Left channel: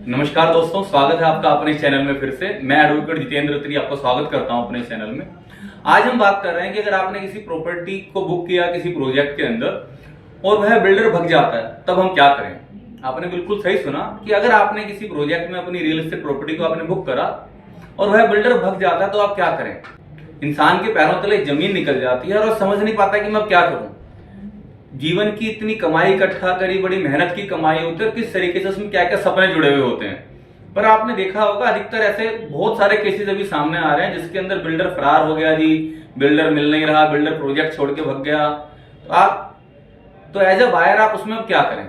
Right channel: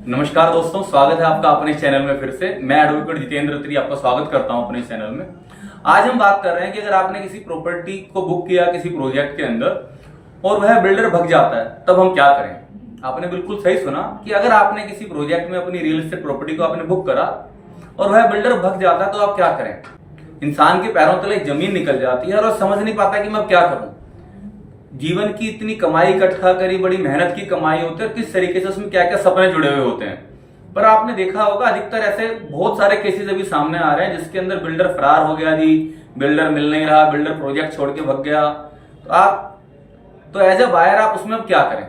नमस्कार दोस्तों, स्वागत है आपका अपने चैनल में। फिर से मैं एडवोकेट जितेंद्र त्री आपका स्वागत करता हूं अपने चैनल में। आज हम बात कर रहे हैं कि अगर आपने किसी प्रॉपर्टी को बुक किया किसी प्रोजेक्ट के अंदर और वह बिल्डर भग जाता है तब हम क्या करें। आपने बिल्कुल सही सुना कि अगर आपने किसी प्रोजेक्ट में अपनी रियल एस्टेट प्रॉपर्टी को आपने बुक करा और वह बिल्डर भग जाता है तो आप क्या करें। इंसान के पैरों तले जमीन निकल जाती है और समझ नहीं पाता कि मैं अब क्या करूं। जीवन की इतनी कमाई इकट्ठा करी, बड़ी मेहनत की कमाई होती है, किस तरीके से उसमें क्या क्या सपने जुड़े हुए होते हैं। पर आपने देखा होगा अधिकतर ऐसे बहुत सारे केसेस अभी सामने आ रहे हैं जिसके अंदर बिल्डर फरार हो गया जी, बिल्डर मिल नहीं रहा, बिल्डर प्रोजेक्ट छोड़ के भग गया। तो एज अ बायर आप उसमें अब क्या करें।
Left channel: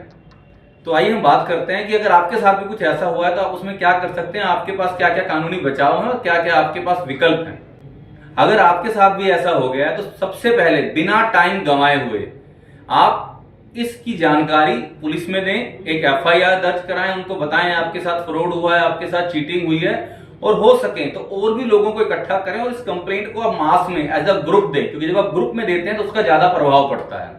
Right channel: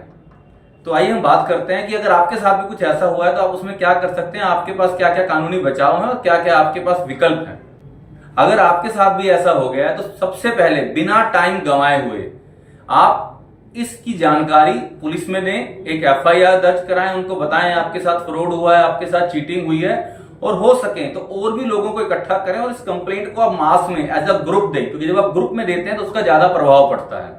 तो आइए हम बात करते हैं कि अगर आपके साथ भी कुछ ऐसा हुआ है तो आप उसमें क्या कर सकते हैं, आपके पास क्या क्या कानूनी बचाव है और क्या क्या आपके पास विकल्प हैं। अगर आपके साथ भी ऐसा हो गया है तो सबसे पहले बिना टाइम गंवाए हुए आप इसकी जानकारी पुलिस में दें, एक एफआईआर दर्ज कराएं, उनको बताएं आपके साथ फ्रॉड हुआ है, आपके साथ चीटिंग हुई है, और हो सके तो और भी लोगों को इकट्ठा करें और इस कंप्लेंट को आप मास में एज अ ग्रुप दें, क्योंकि जब आप ग्रुप में देते हैं तो उसका ज्यादा प्रभाव पड़ता है।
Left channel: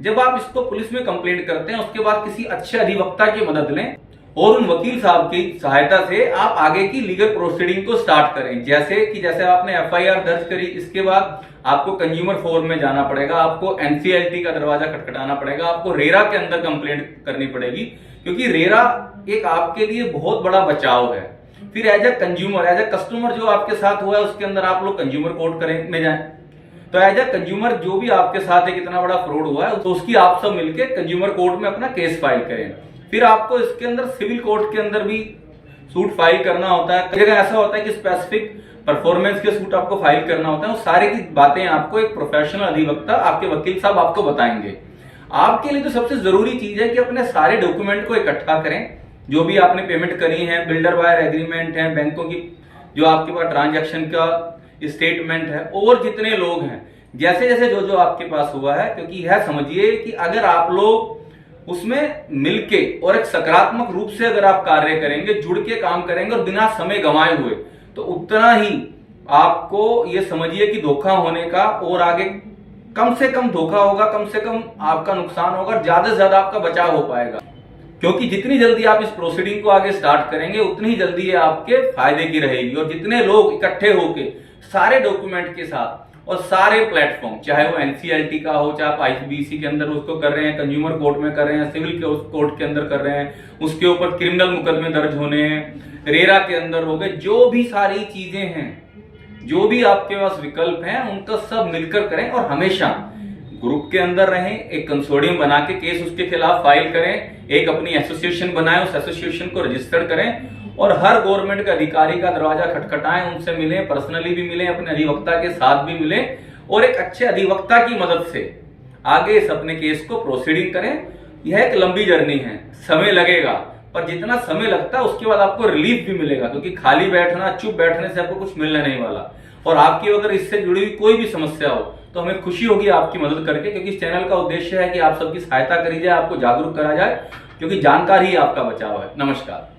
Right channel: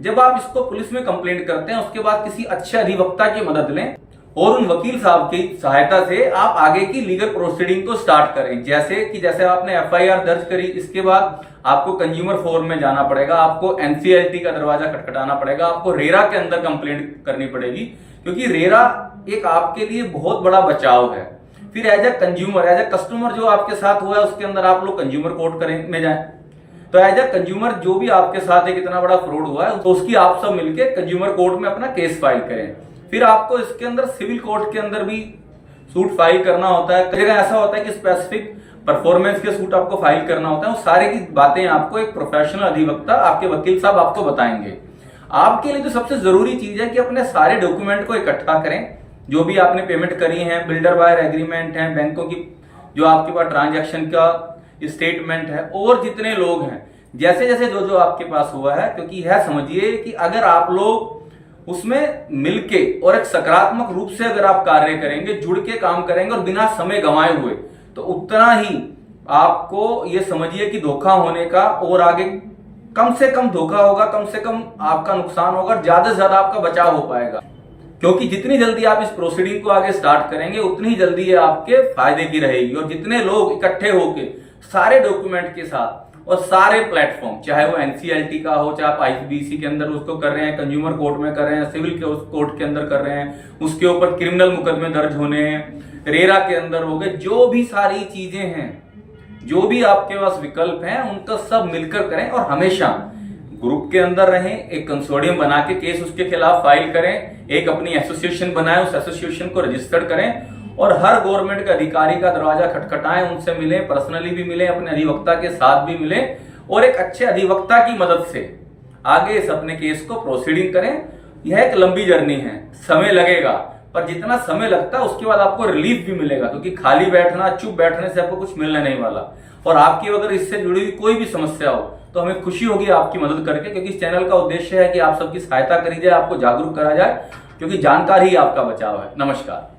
जब आप इसको पुलिस में कंप्लेंट करते हैं उसके बाद किसी अच्छे अधिवक्ता की मदद लें और उन वकील साहब की सहायता से आप आगे की लीगल प्रोसीडिंग को स्टार्ट करें। जैसे आपने एफआईआर दर्ज करी, इसके बाद आपको कंज्यूमर फोरम में जाना पड़ेगा, आपको एनसीएलटी का दरवाजा खटखटाना पड़ेगा, आपको रेरा के अंदर कंप्लेंट करनी पड़ेगी, क्योंकि रेरा एक आपके लिए बहुत बड़ा बचाव है। फिर एज ए कस्टमर जो आपके साथ हुआ है उसके अंदर आप लोग कंज्यूमर कोर्ट में जाएं। तो एज ए कंज्यूमर जो भी आपके साथ एक इतना बड़ा फ्रॉड हुआ है तो उसकी आप सब मिलकर कंज्यूमर कोर्ट में अपना केस फाइल करें। फिर आपको इसके अंदर सिविल कोर्ट के अंदर भी सूट फाइल करना होता है। कई जगह ऐसा होता है कि स्पेसिफिक परफॉर्मेंस के सूट आपको फाइल करना होता है। वो सारे की बातें आपको एक प्रोफेशनल अधिवक्ता, आपके वकील साहब आपको बताएंगे। आपके लिए तो सबसे जरूरी चीज है कि अपने सारे डॉक्यूमेंट को इकट्ठा करें, जो भी आपने पेमेंट करी है, बिल्डर वायर एग्रीमेंट है, बैंकों की जो आपके पास ट्रांजैक्शन का स्टेटमेंट है, और जितने लोग हैं जैसे जैसे जो जो आपके पास हुआ है। क्योंकि यह समझिए कि अगर आप लोग उसमें मिलके और एक सकारात्मक रूप से अगर आप कार्य करेंगे, जुड़ के काम करेंगे और बिना समय गंवाए हुए, तो उतना ही आपको ये समझिए कि धोखा होने का और आगे कम से कम धोखा होगा, कम से कम आपका नुकसान होगा, ज्यादा से ज्यादा आपका बचाव हो पाएगा। क्योंकि जितनी जल्दी आप इस प्रोसीडिंग को आगे स्टार्ट करेंगे उतनी ही जल्दी ये आपके फायदे की रहेगी। और जितने लोग इकट्ठे होके सारे डॉक्यूमेंट के साथ और सारे प्लेटफॉर्म, चाहे वो एनसीएलटी का हो, चाहे आप आईसीबीसी के अंदर उसको कर रहे हैं, कंज्यूमर कोर्ट में कर रहे हैं, सिविल कोर्ट के अंदर कर रहे हैं, उसके ऊपर क्रिमिनल मुकदमे दर्ज होने हैं, रेरा के अंदर हो गए, जो भी सारी चीजें हैं, जो भी आपके पास विकल्प हैं, उनका सब मिलकर करें और हमेशा ग्रुप के अंदर रहें। एक कंसोर्डियम बना के केस उसके खिलाफ फाइल करें, एक अपनी एसोसिएशन बनाएं, उस एसोसिएशन को रजिस्टर्ड करें और हर गवर्नमेंट के अधिकारी का दरवाजा खटखटाएं, उनसे मिलें, पर्सनली भी मिलें, अपने अधिवक्ता के साथ भी मिलें और एक अच्छे अधिवक्ता की मदद से आगे इस अपने केस को प्रोसीडिंग करें। यह एक लंबी जर्नी है, समय लगेगा, पर जितना समय लगता है उसके बाद आपको रिलीफ भी मिलेगा, क्योंकि खाली बैठना, चुप बैठने से आपको कुछ मिलने नहीं वाला। और आपकी अगर इससे जुड़ी हुई कोई भी समस्या हो तो हमें खुशी होगी आपकी मदद करके, क्योंकि इस चैनल का उद्देश्य है कि आप सबकी सहायता करी जाए, आपको जागरूक करा जाए, क्योंकि जानकारी ही आपका बचाव है। नमस्कार।